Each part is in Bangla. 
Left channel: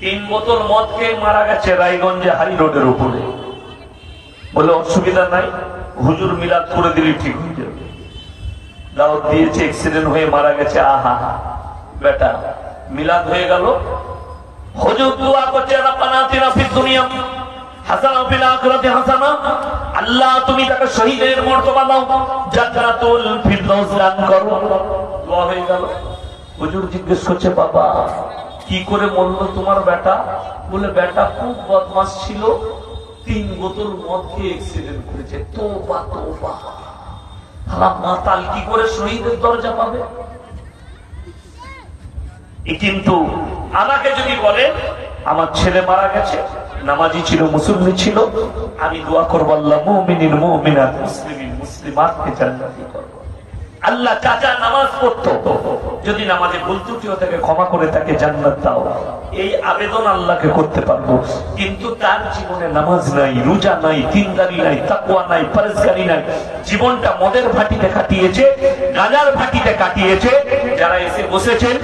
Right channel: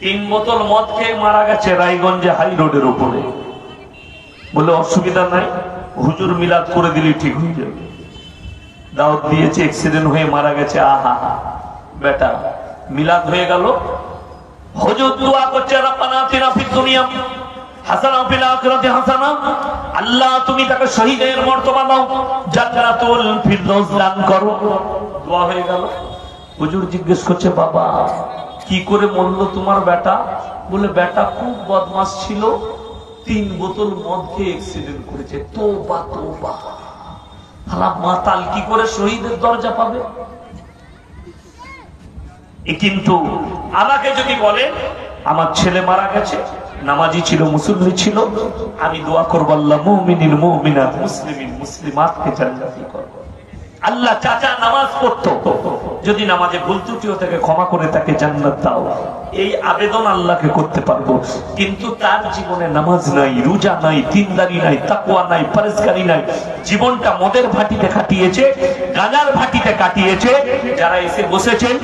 3 বোতল মদ খেয়ে মারা গেছে রায়গঞ্জে হাই রোডের উপরে। বলে অসুবিধা নাই, হুজুর মিলাদ করে দিলে ঠিক হয়ে যাবে। দাওয়াত দিয়েছে, অ্যাক্সিডেন্ট হয়ে মারা গেছে। আহা বেটা, মিলাদ হয়ে গেল। হুজুর দোয়া করছে, রব্বানা আতিনা ফিদ দুনিয়া হাসানা ওয়া ফিল আখিরাতি হাসানা। আল্লাহ তুমি তাকে শহীদের মর্তবা দাও, জান্নাতুল ফিরদৌস দান করো। দোয়া হয়ে গেল। হুজুর জিজ্ঞেস করছে, বাবা কি করে মরলো তোমার বেটা? বলে বেটা খুব বদমাশ ছিল, 3 বোতল মদ খেয়ে অ্যাক্সিডেন্ট করেছে। তোবা তোবা, মাতাল কি করে শহীদের দরজা পাবে? কিন্তু আমাকে যদি বলে আমার ছেলে মারা গেছে, নামাজি ছিল, মুসল্লি ছিল, আমি দোয়া করবো আল্লাহ মুমিনিন মুমিনাত মুসলিমিন মুসলিমাতকে জান্নাতি করো। আল্লাহ চাচা নামাজ পড়তো, যদি নামাজে ভুল ত্রুটিও তাকে ক্ষমা করে তাকে জান্নাত দাও, এই আবেদন আল্লাহকে করতে পারবো। কিন্তু তার জীবনে নামাজ নাই, রোজা নাই, দিনদারি নাই, তাকওয়া নাই, পরহেজগারি নাই। জীবনটা মদের ভাটিতে কাটিয়েছে, গাঁজার ভাটিতে কাটিয়েছে। যারা এসে বসেছেন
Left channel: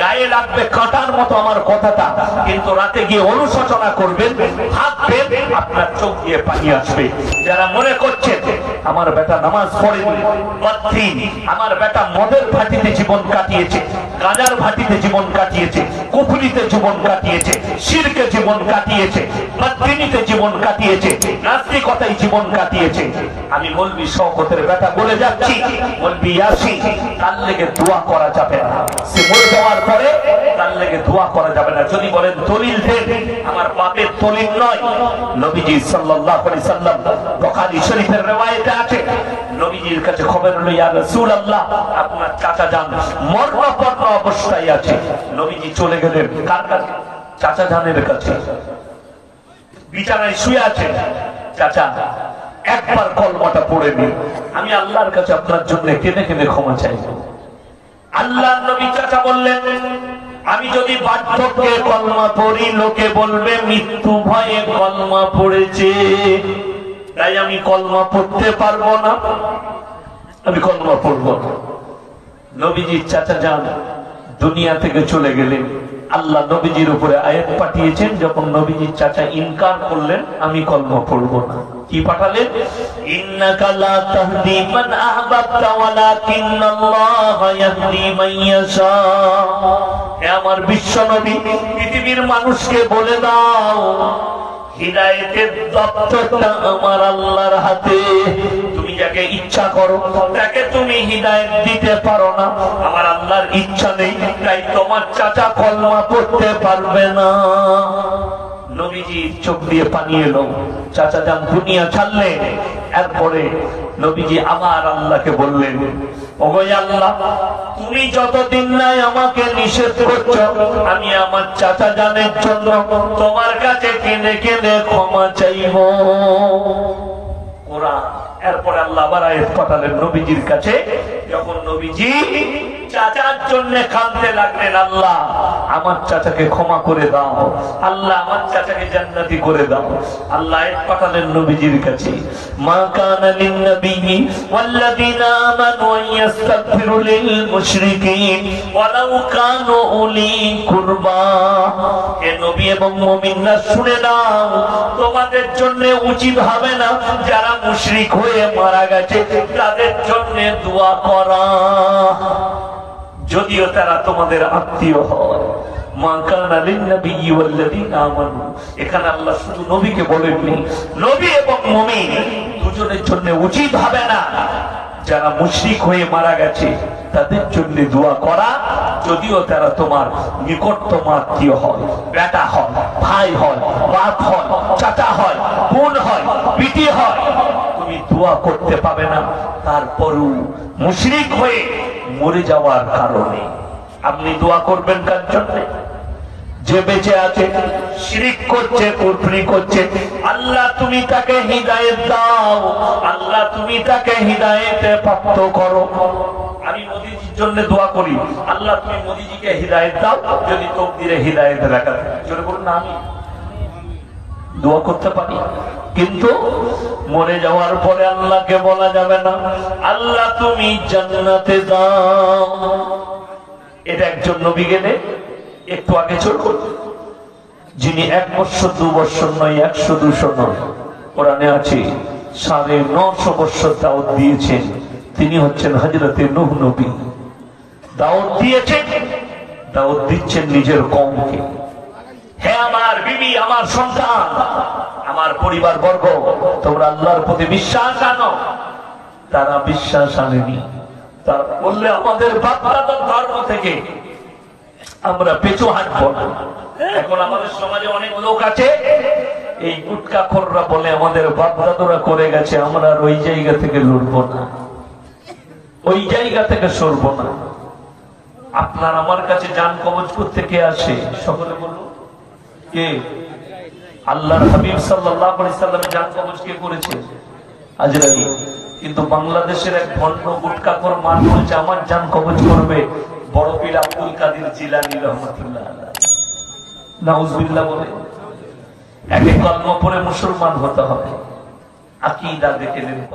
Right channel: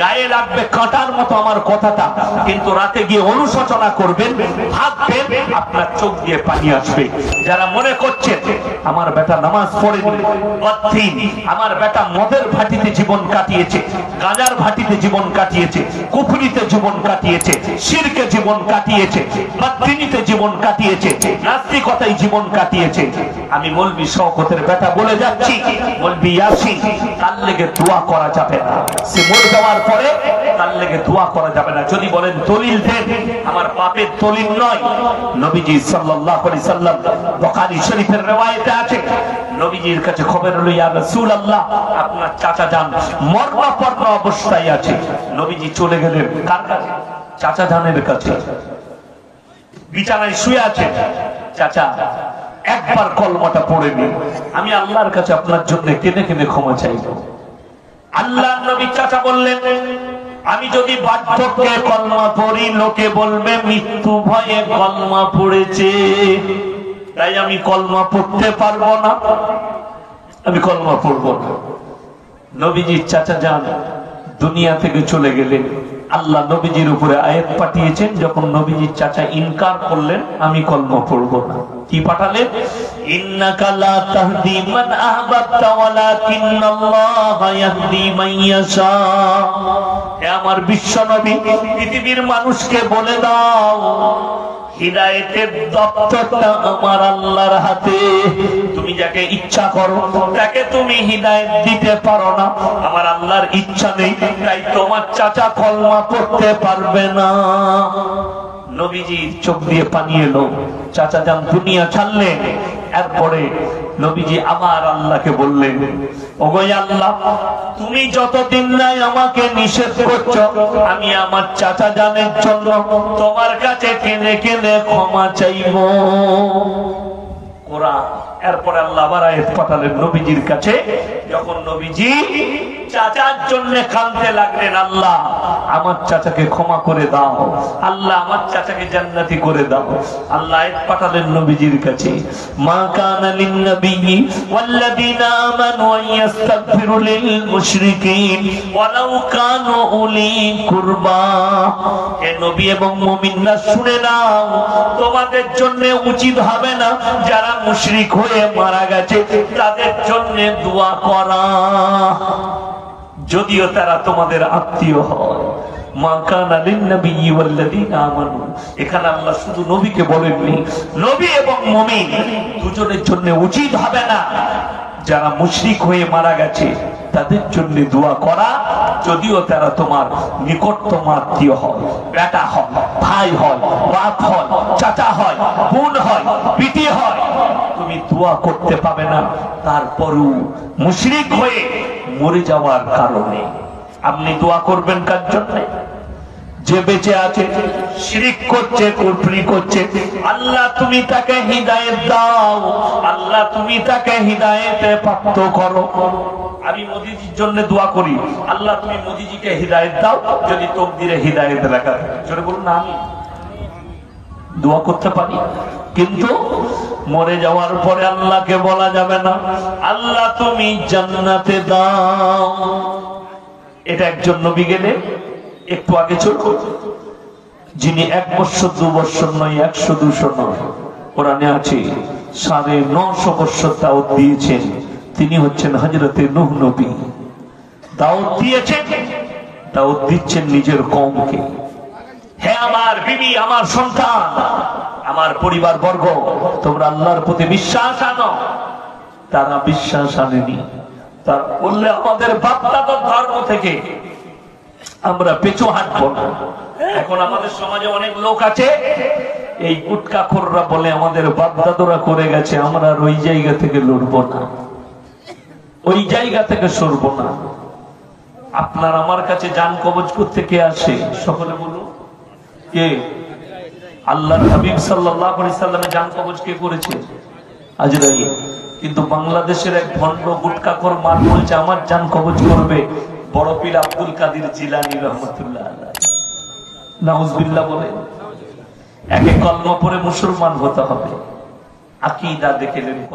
গায়ে লাগবে কাঁটার মতো আমার কথাটা, কিন্তু রাতে গিয়ে অনুশোচনা করবেন, ভাববেন, আপনার চোখ দিয়ে পানি আসবে। যারা মনে করছেন আমার বেটা নামাজ পড়েনি, বাদদিন, আমার বেটা মদের ভাটিতে জীবন কাটিয়েছে, গাঁজার ভাটিতে জীবন কাটিয়েছে, কুফরিতে জীবন কাটিয়েছে, শিরকে জীবন কাটিয়েছে, বাদদিনীতে জীবন কাটিয়েছে, নাস্তিকতায় জীবন কাটিয়েছে, আমি বলবি শওকতের বেটা বলে যাচ্ছি, বলবি ইয়াসিন, তার লেগে দোয়া করা যাবে না। সে মরে যাওয়ার পরে তার লেগে দোয়া করা যাবে না। যদি বলেন দলিল দেন, আমার পাপের দলিল নয়। নবীজি সাল্লাল্লাহু আলাইহি সাল্লাম, বুখারী শরীফের riwayate আছে, নবীজির কাছে খবর হলো, ইয়া রাসূলুল্লাহ আপনার চাচা যান মরণাপন্ন অবস্থায় আছে। নবীজি চলে গেলেন তার কাছে, চাচা জানের কাছে, বিছানায় শুয়ে আছে। চাচা একবার কলমাটা পড়ে নিন, আমি আল্লাহর কাছে আপনার জন্য কেঁদে কেঁদে ক্ষমা চাইব। আল্লাহর নবী চাচা বললেন, আমি যদি বার্ধক্যে কলমা পড়ি লোকে বলবে মৃত্যু ভয়ে কলমা পড়েছে, তাই আমি কলমা পড়তে পারবো না, আমি কলমা পড়বো না। নবীজির চাচা যান দুনিয়া থেকে চলে গেলেন। আল্লাহ নবীজির উপরে আয়াত পাঠিয়েছেন, যখন নবীজির চাচা ইনকার করলেন আমি কলমা পড়বো না, কি পাঠালেন? ইন্নাকা লা তাহদি মান আহবাবতা ওয়ালাকিন্নাল্লাহা ইয়াহদি মান ইয়াশা। হে আমার বিশ্ব নবী, পৃথিবীর মানুষকে বলে দাও হিদায়াতের দপ্তরটা আমার আল্লাহর হাতে। তুমি যাকে ইচ্ছা করো তাকে তুমি হিদায়াত দিতে পারো না, আমার আল্লাহর ইচ্ছা নেই, তাই তোমার চাচা কলমা পড়তে পারবে না। নবীজি চোখ দিয়ে পানি এলো, চাচা যান দুনিয়া ছাড়লেন। এরপরে নবীজি আবার আল্লাহকে বললেন, ওগো আল্লাহ, তুমি যতদিন নাই আমাকে নিষেধ করছো, আমি আমার চাচা জানের জন্য তোমার কাছে কেঁদে কেঁদে ক্ষমা চাইব। ওরা এরপরে আল্লাহ আবার আয়াত পাঠালেন নবীজির কাছে। যখন নবীজি চাচার জন্য কাঁদতে লাগলেন, আল্লাহ আমার চাচাকে ক্ষমা করে দাও, আল্লাহ আমার চাচাকে জান্নাতি করে দাও, আল্লাহ আয়াত পাঠালেন নবীজির কাছে, মা কানা লিন নবিয়্যি ওয়াল্লাযীনা আমানু ইয়াস্তাগফিরু লিল মুশরিকিন ওয়ালাউ কানু উলি কুরবা। হে নবী এবং মুমিনরা শুনে নাও, তোমাদের জন্য উচিত হবে না যারা মুশরিক হয়ে মারা গেছে তাদের জন্য দোয়া করা, যদিও তারা তোমাদের আত্মীয় হয়। মা কানা লিন নবিয়্যি ওয়াল্লাযীনা আমানু, এখানে আল্লাহ শুধু নবীকে বলেননি, নবী এবং মুমিন দুজনের জন্য উচিত হবে না যারা মুশরিক হয়ে মারা গেছে তাদের জন্য দোয়া করা, যদিও তারা তোমার নিকটতম আত্মীয় হয়, বেটা হয়, ভাই হয়, বাপ হয়, চাচা হয়, বোন হয়, পিটি হয়, তুমি দোয়া করতে পাবে না। তারপরও মুশরিক হয়ে মরে যাওয়ার কারণে আপনি দোয়া করবেন কার জন্য? যে বেঁচে আছে শিরক করছে, কুফরি করছে, আল্লাহ তুমি তাকে হিদায়াত দাও, আল্লাহ তুমি তাকে হিদায়াতে প্রাপ্ত করো। আমি মোদিজির জন্য দোয়া করি, আল্লাহ তুমি মোদিজিকে হিদায়াত দাও, যদি তকদিরে হিদায়াত রাখা থাকে বলুন না, আমি দোয়া করতে পারি। কিন্তু মরে যাওয়ার পরে আল্লাহকে বলা যাবে না আল্লাহ তুমি জান্নাতে দাও। এটা একজন নবী গেলে একটু আগে চলল, যিনি 1 বছর 2 বছর নয়, 100-200 নয়, কোরআনে আছে 950 বছর দাওয়াত দিয়েছেন। তিনি হচ্ছেন হযরতে নূহ নবী। দাওয়াত দিয়েছেন, দাওয়াত দিচ্ছেন নিজের কওমকে। হে আমার বিবি, আমার সন্তান, আমার পরিবার বর্গ, তোমরা আল্লাহর প্রতি বিশ্বাস আনো। তারা বিশ্বাস আনেনি। তারা বললে আমাদের বাপ-দাদার ধর্ম থেকে আমরা পেছু হাঁটবো না। এখন আমাদের সমাজে অনেক লোক আছে, এই গুটখাখোররা বলে আমাদের বাপ-দাদারা করে গেছে, আমরা আর ওই জায়গা থেকে লড়বো না, ওই জায়গা থেকে সরবো না। আপনার আমার কাছে জান কবজ করতে কে আসে? সকলে বলুন কে? আল্লাহ হাবিব সাল্লাল্লাহু আলাইহি সাল্লাম জান কবজ কে করেছে? আজরাইল। কিন্তু বাংলাদেশের এক ভণ্ড গুটখাখোর মানুষ আমার জান কবজ করবে বড় পীর আব্দুল কাদের জিলানী রাহমাতুল্লাহ আলাইহি। নাউজুবিল্লাহ বলে এক কলমা পড়ে মুসলমান হতে হবে। আকীদা দেখে নেন।